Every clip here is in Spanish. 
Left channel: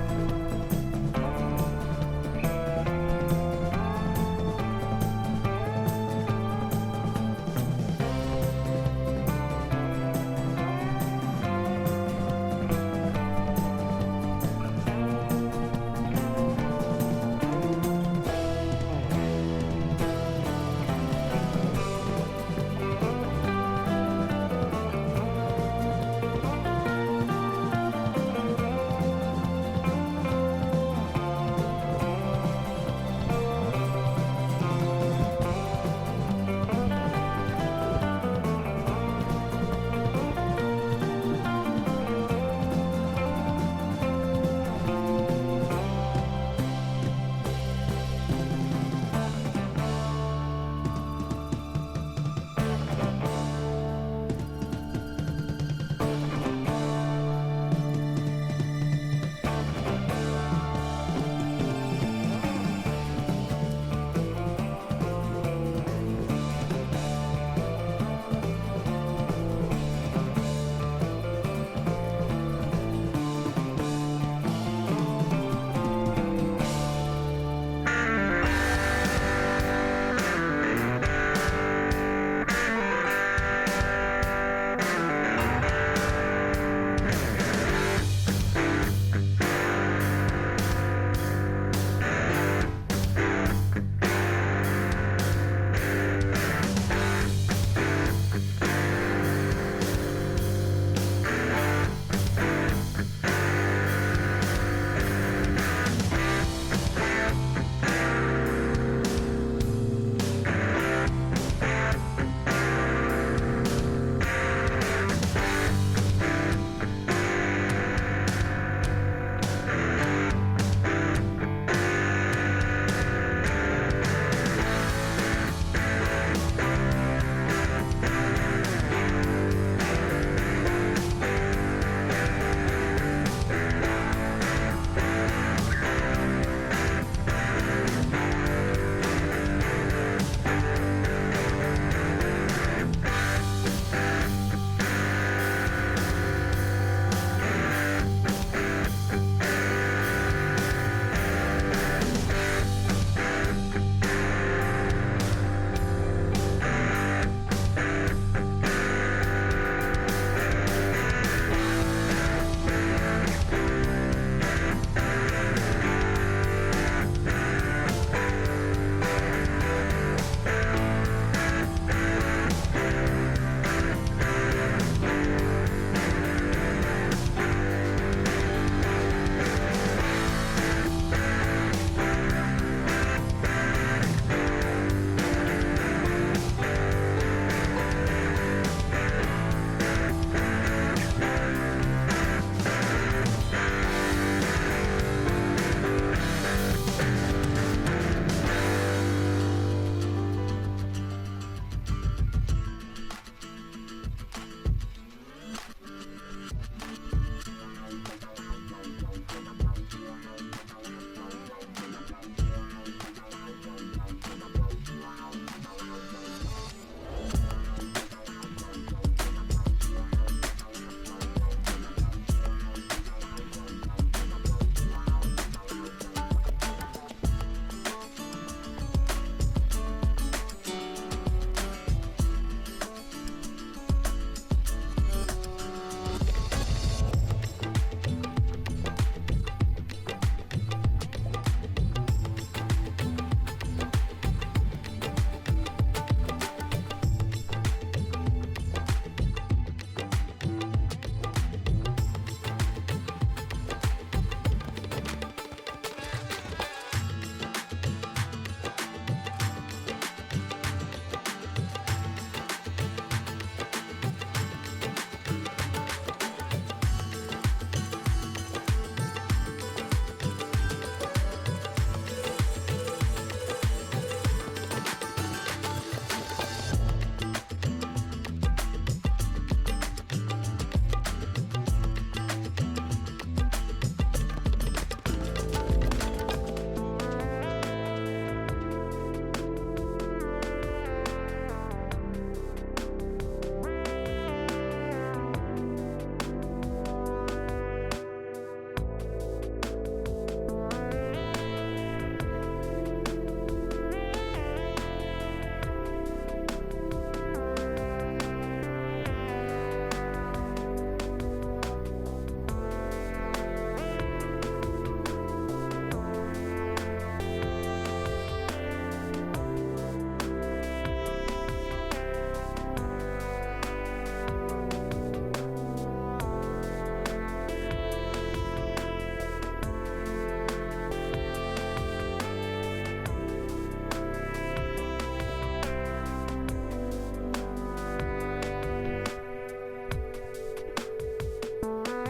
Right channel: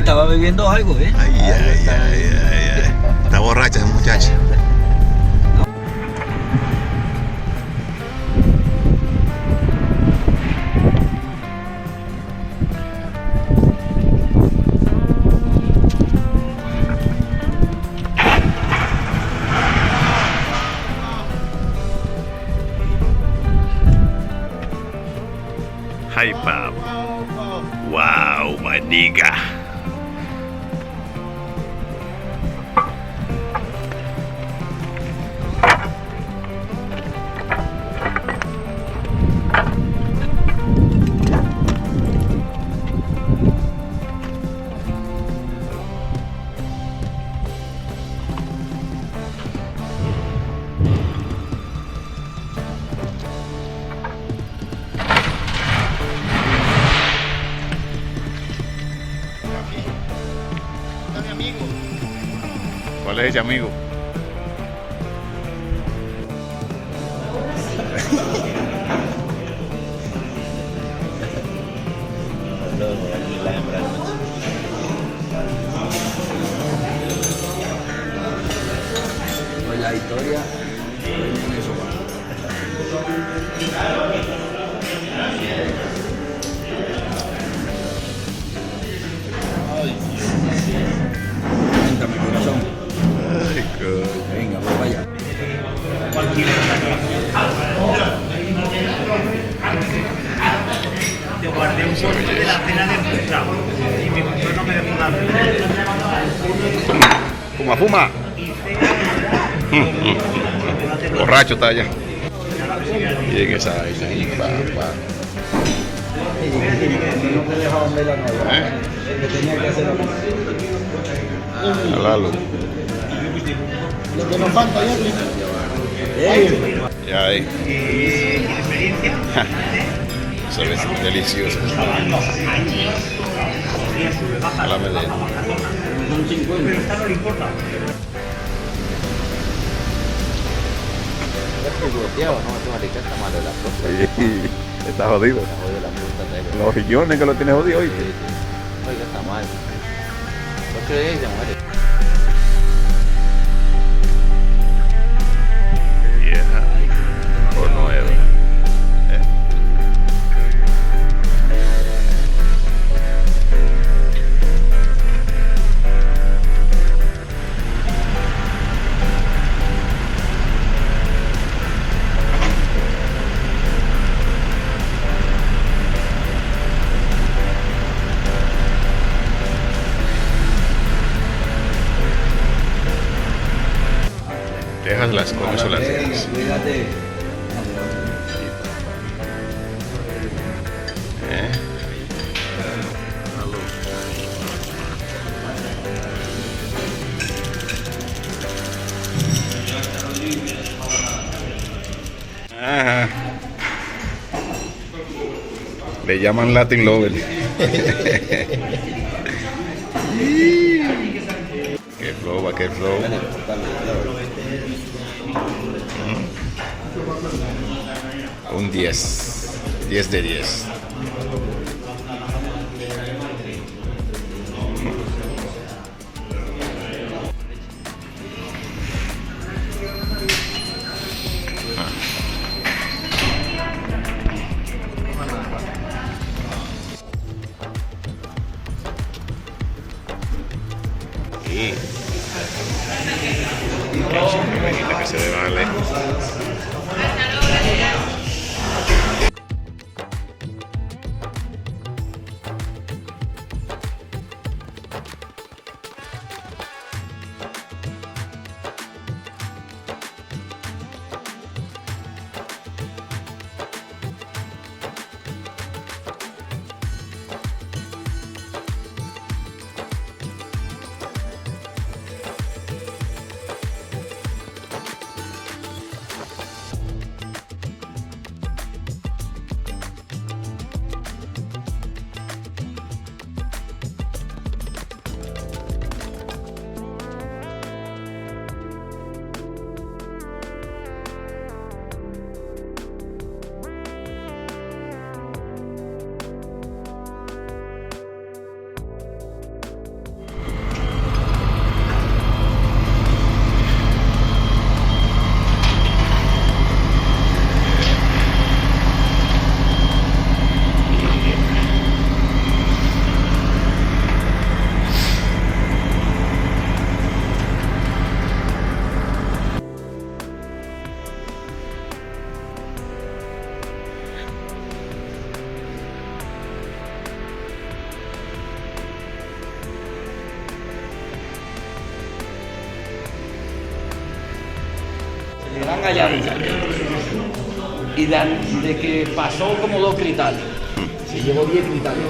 estaba bebiendo algo, ¿eh? Ay. Está borracha esa muchacha. Hi, Pop. Wow, my nigga. ¿Cuál es ese amigo? La historia. Venga, pues vaya. Te guardé un poco de la cena de puta y mi mujer no me dejó nada. Fuma. Borracho está allá. Llega esa vaina ahí, pa. A Lalo. Ya ahí. Eso es delicioso. A la melena. Está jodido. Los riñones que lo tiene jodido hoy. Vieja o nueva. Déjalas como son las dejas. Fíjate. Ajá. Le llaman Latin Lover. Qué flow, qué flow. Un 10. 10 de 10. Imagina que se le va lejos. estaban allá arriba. Y de que pasó como 2 cristales. Se llevó 10 cristales.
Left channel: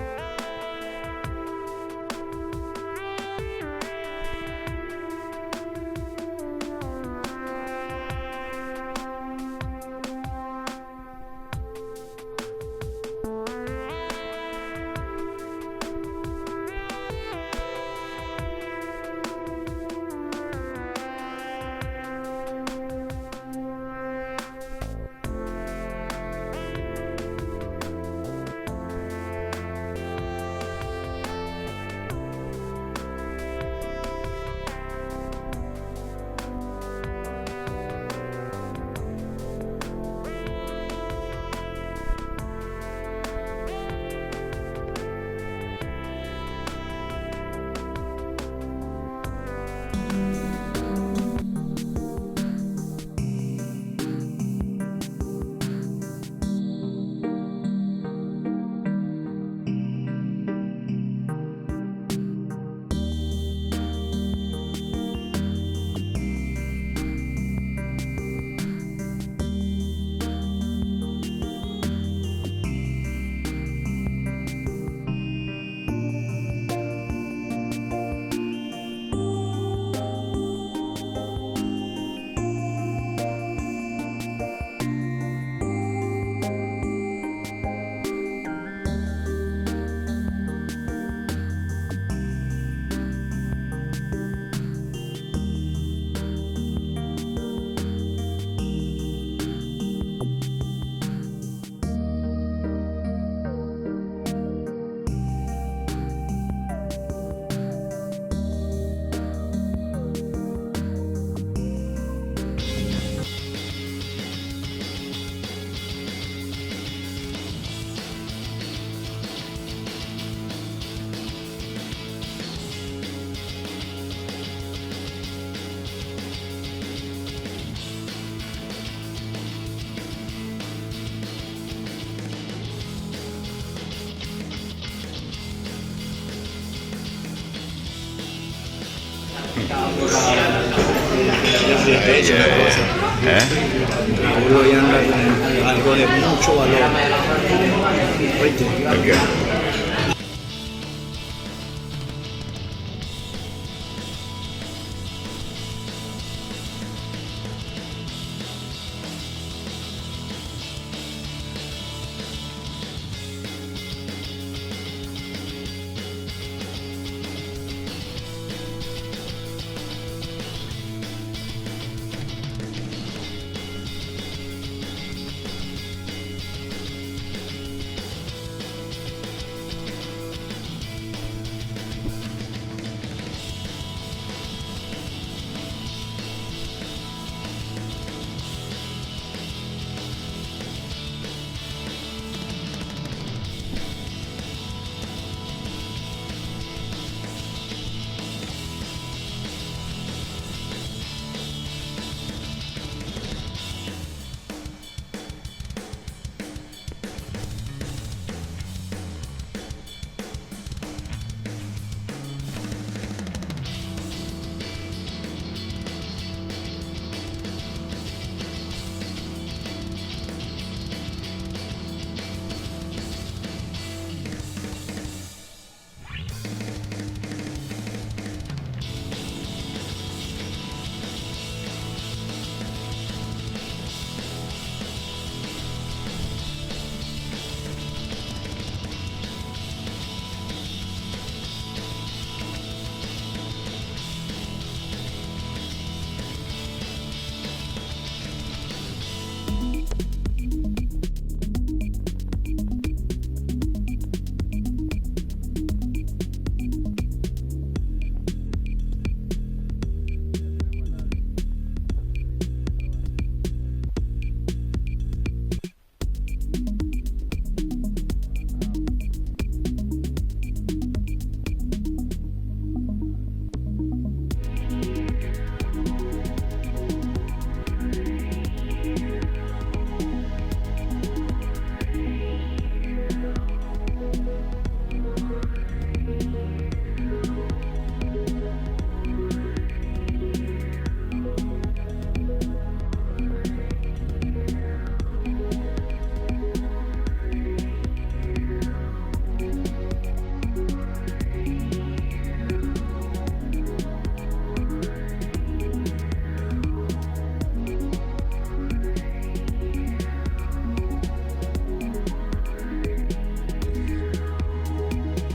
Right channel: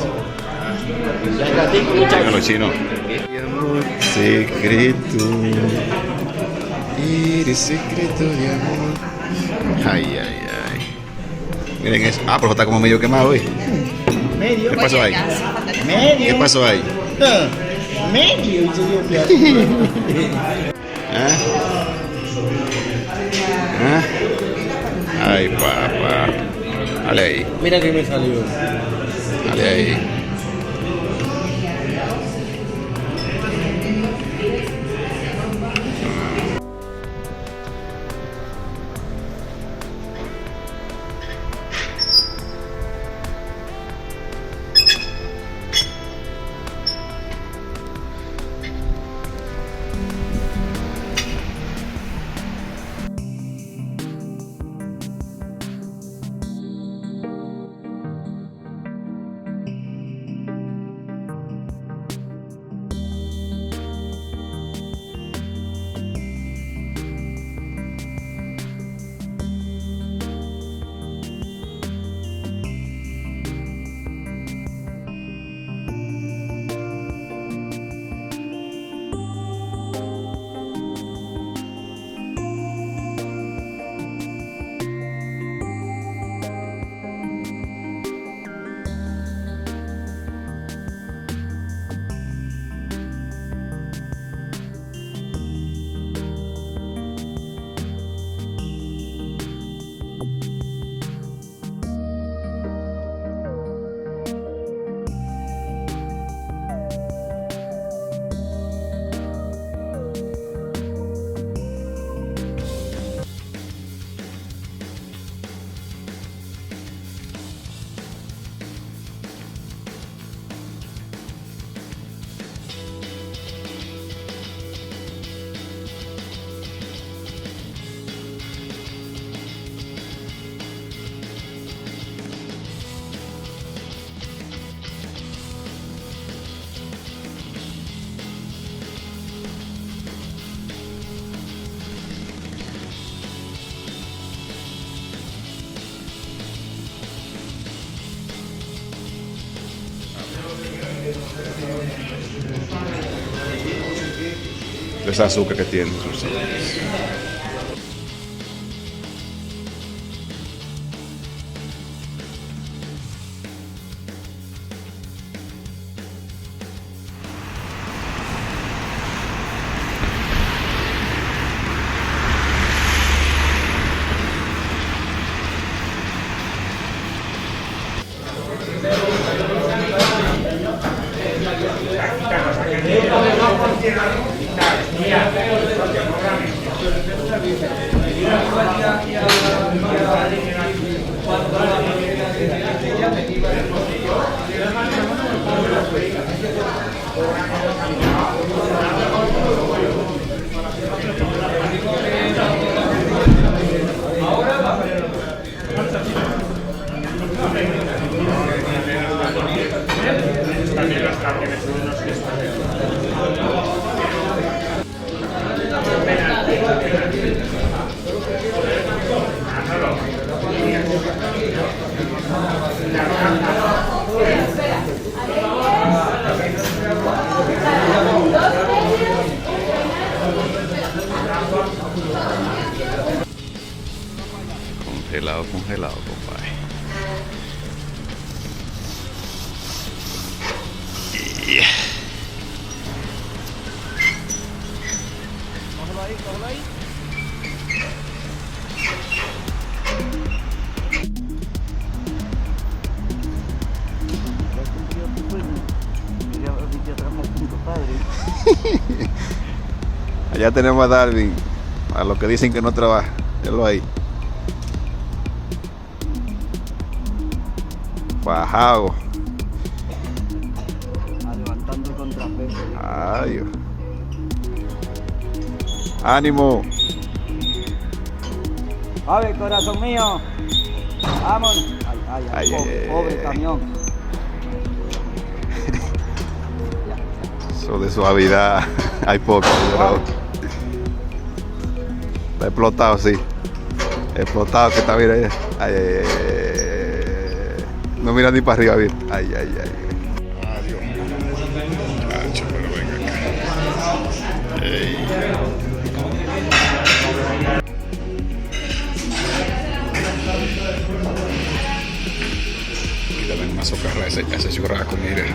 Y al ratico, muchachos. Venga, los chinos. Secreto. Eres secreto de amor. Ay, ay, ay. Miren eso. Ah, pero está como medio quemado, ¿eh? Medio. ¿Qué pasó ahí? Medio. ¿Qué pasó ahí? Medio. ¿Ah? ¿Ah? Ay, papá. Dale ahí. Mira que me salió. Dale ahí. ¿Eh? Uno ya anda con algo de mucho valor. Oíste. ¿Por qué? Esa azúcar que tiene. Congelado, compadre. Yeah. Allá tenemos a Darwin, a los que dicen que no trabaja. Velo ahí. Bajado. Levantando contrapeso. Ay, Dios. Ánimo. A ver, corazón mío. Vámonos. Ay, ay, pobre ay. camión. Eso de suavidad hay poco, pero está explotado, sí. Explotado que está, mira ahí. Ay, ay, ay, ay. No mira ni para arriba, mira. Ay, ay, ay. Adiós. Cacho, pero venga acá. Ey. Aquí también una socarra, ese churrasco, mire.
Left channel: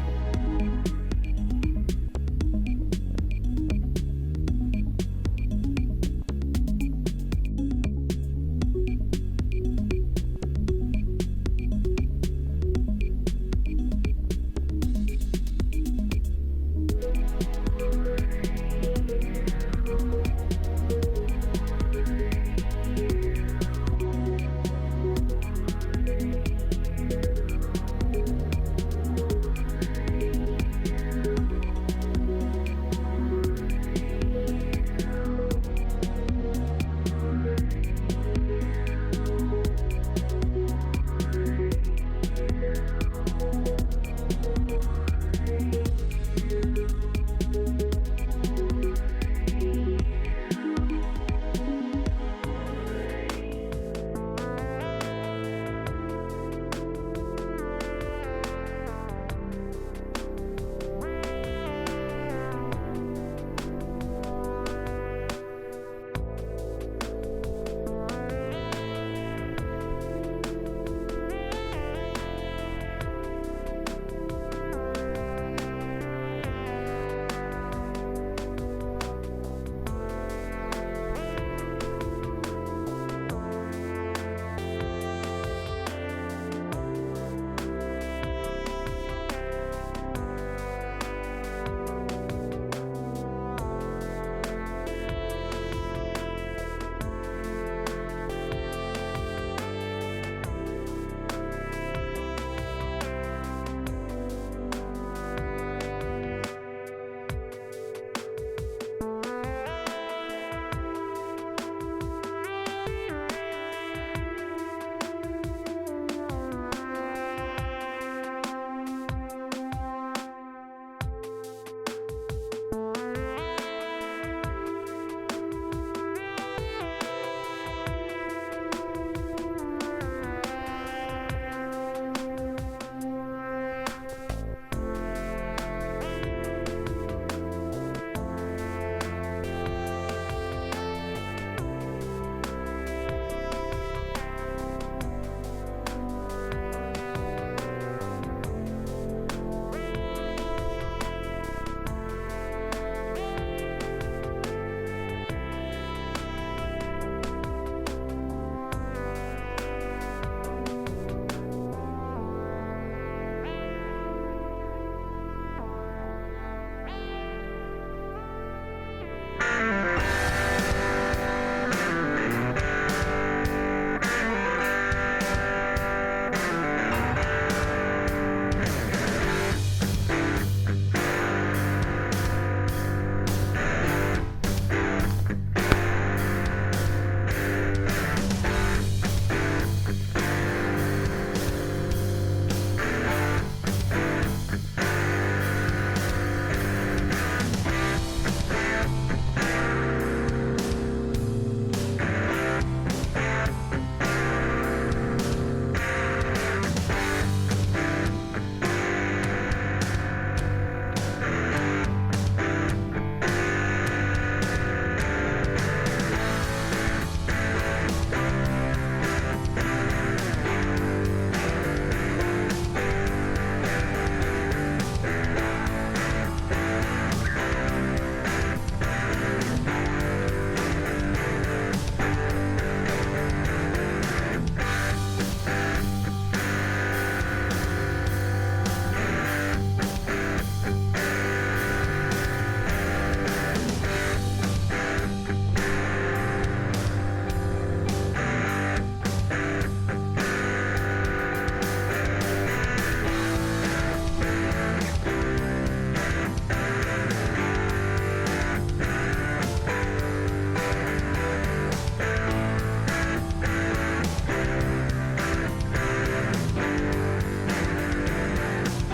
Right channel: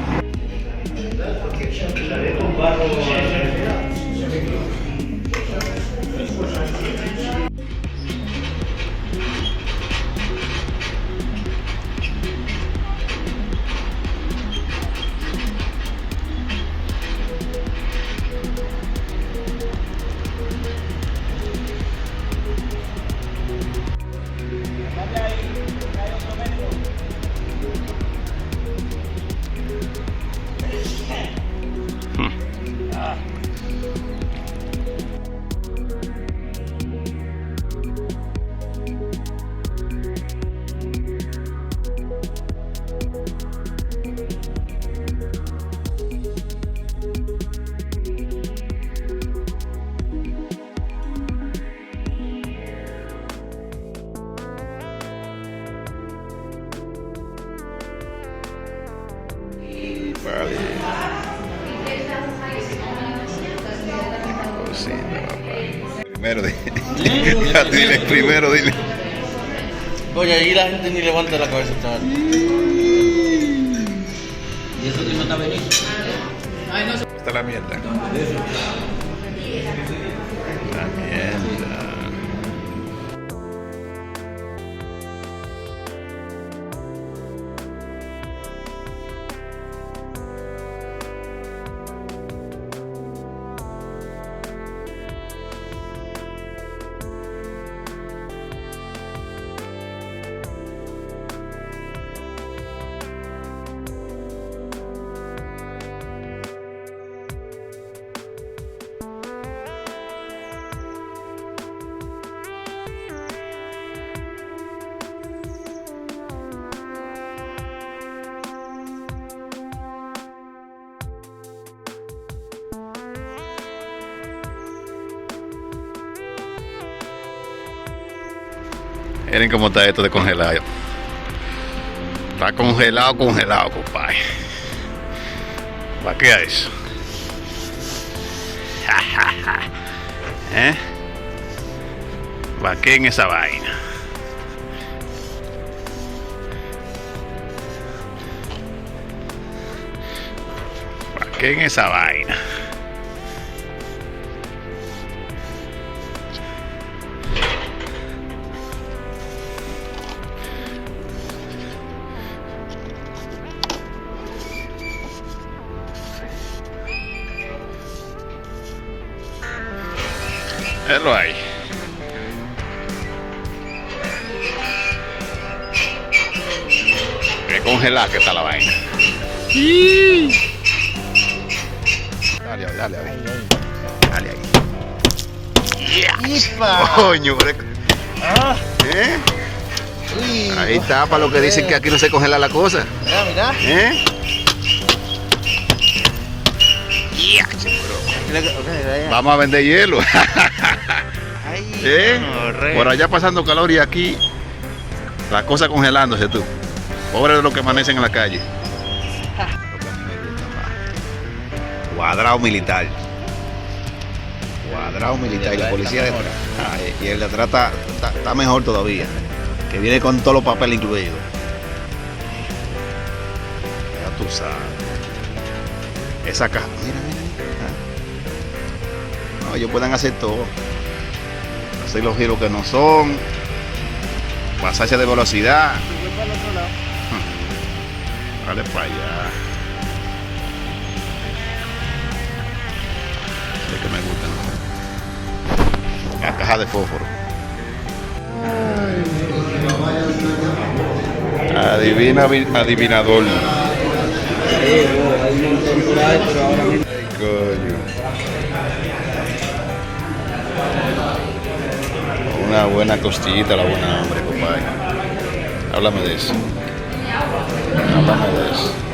Vale. Primero, dile, primero, dile. Oye, ahí la gente ni levanta la cabeza. ¿Y eso que no está venido? Está la mierda. La mierda. Miren cómo está esto de congelado. Está congelado, congelado, compadre. ¿Para qué es eso? ¿Eh? ¿Para qué en esa vaina? ¿Para qué en esa vaina? Pero ahí. Qué congelada que está la vaina. Dale, dale, dale. Dale ahí. Coño, ¿eh? Ahí está, para lo que dicen que aquí no se congela la cosa. ¿Eh? Vamos a vender hielo. ¿Eh? Por allá pasando calor y aquí las cosas congelándose tú. Pobre de los que amanecen en la calle. Cuadrado militar. Cuadrado militar. Y la policía y el de atrás está mejor todavía. Que viene con todos los papeles incluidos. Ya tú sabes. Esa caja. No, ellos pueden hacer todo. Hacer los giros que no son. Pasarse de velocidad. Dale para allá. Lo que me gusta. La caja de fósforo. Adivina, adivinador. Una buena costillita, la buena hambre, compadre. Háblame de eso. Háblame de eso.